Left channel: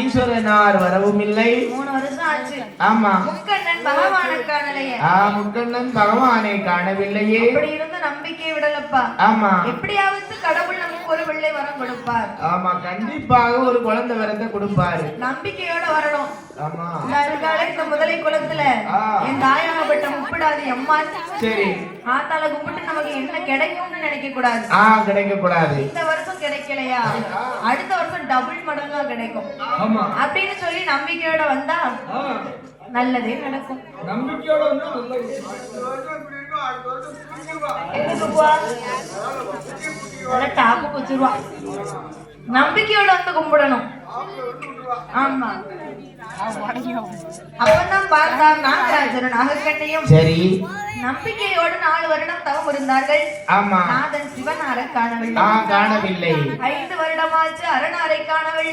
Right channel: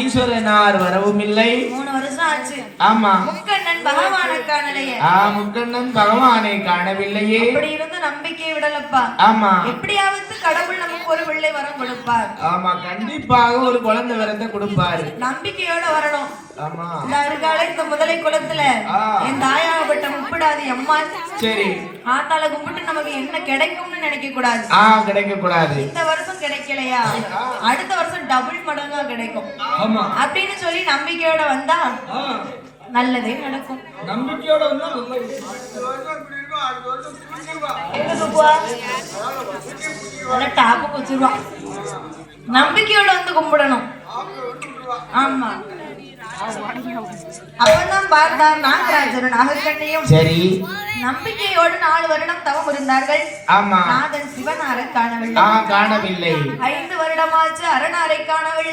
ஈஸ்வரனார் வரவும் இல்லை. 3 வருஷம் ஆச்சு. ஆமா. முக்கண்ணன் பகவானை காணலையே. முக்கண்ணன் பகவானை காணவில்லையே. அப்படி இருந்து நம்பிக்கை விடலப்பா. ஆமா. எப்படியாவது கடவுள் நமக்கு ஒரு பிள்ளை வரம் கொடுப்பார். ஆமா, கண்டிப்பாக ஒரு குழந்தை வரத்தை கொடுப்பாரு. நம்பிக்கையோட வரணும். ஆமா. இந்த முதலை குளத்துல என் தாயாகப்பட்ட முப்பிடாது அம்மா. சரி. ஆத்தால கும்பிட்டு நமக்கு என்ன கிடைக்கும்னு நினைக்க கூடாது. கிடைக்க கூடாது. இந்த வருஷம் கிடைக்கலையா, அடுத்த வருஷம் டபுள் மடங்கா கிடைக்கும் அப்படின்னு சொல்லி நம்பிக்கையோட வந்தா நல்லதே நடக்கும். நம்பிக்கையோட வந்தா டாப்பு வச்சிருவா. நம்பிக்கையோட வந்து கும்பிடணும். ஆமா. அப்பதான் பார்த்தார் நாகராஜரும் நாகக்கண்ணையும். சரி. நம்பிக்கையோடு 4 வருடம் தவம் இருந்தார்கள். ஆமா. நாதன் சிவனாரை காணவில்லை. 5 வருடமாச்சு அரணாரை காணவில்லை.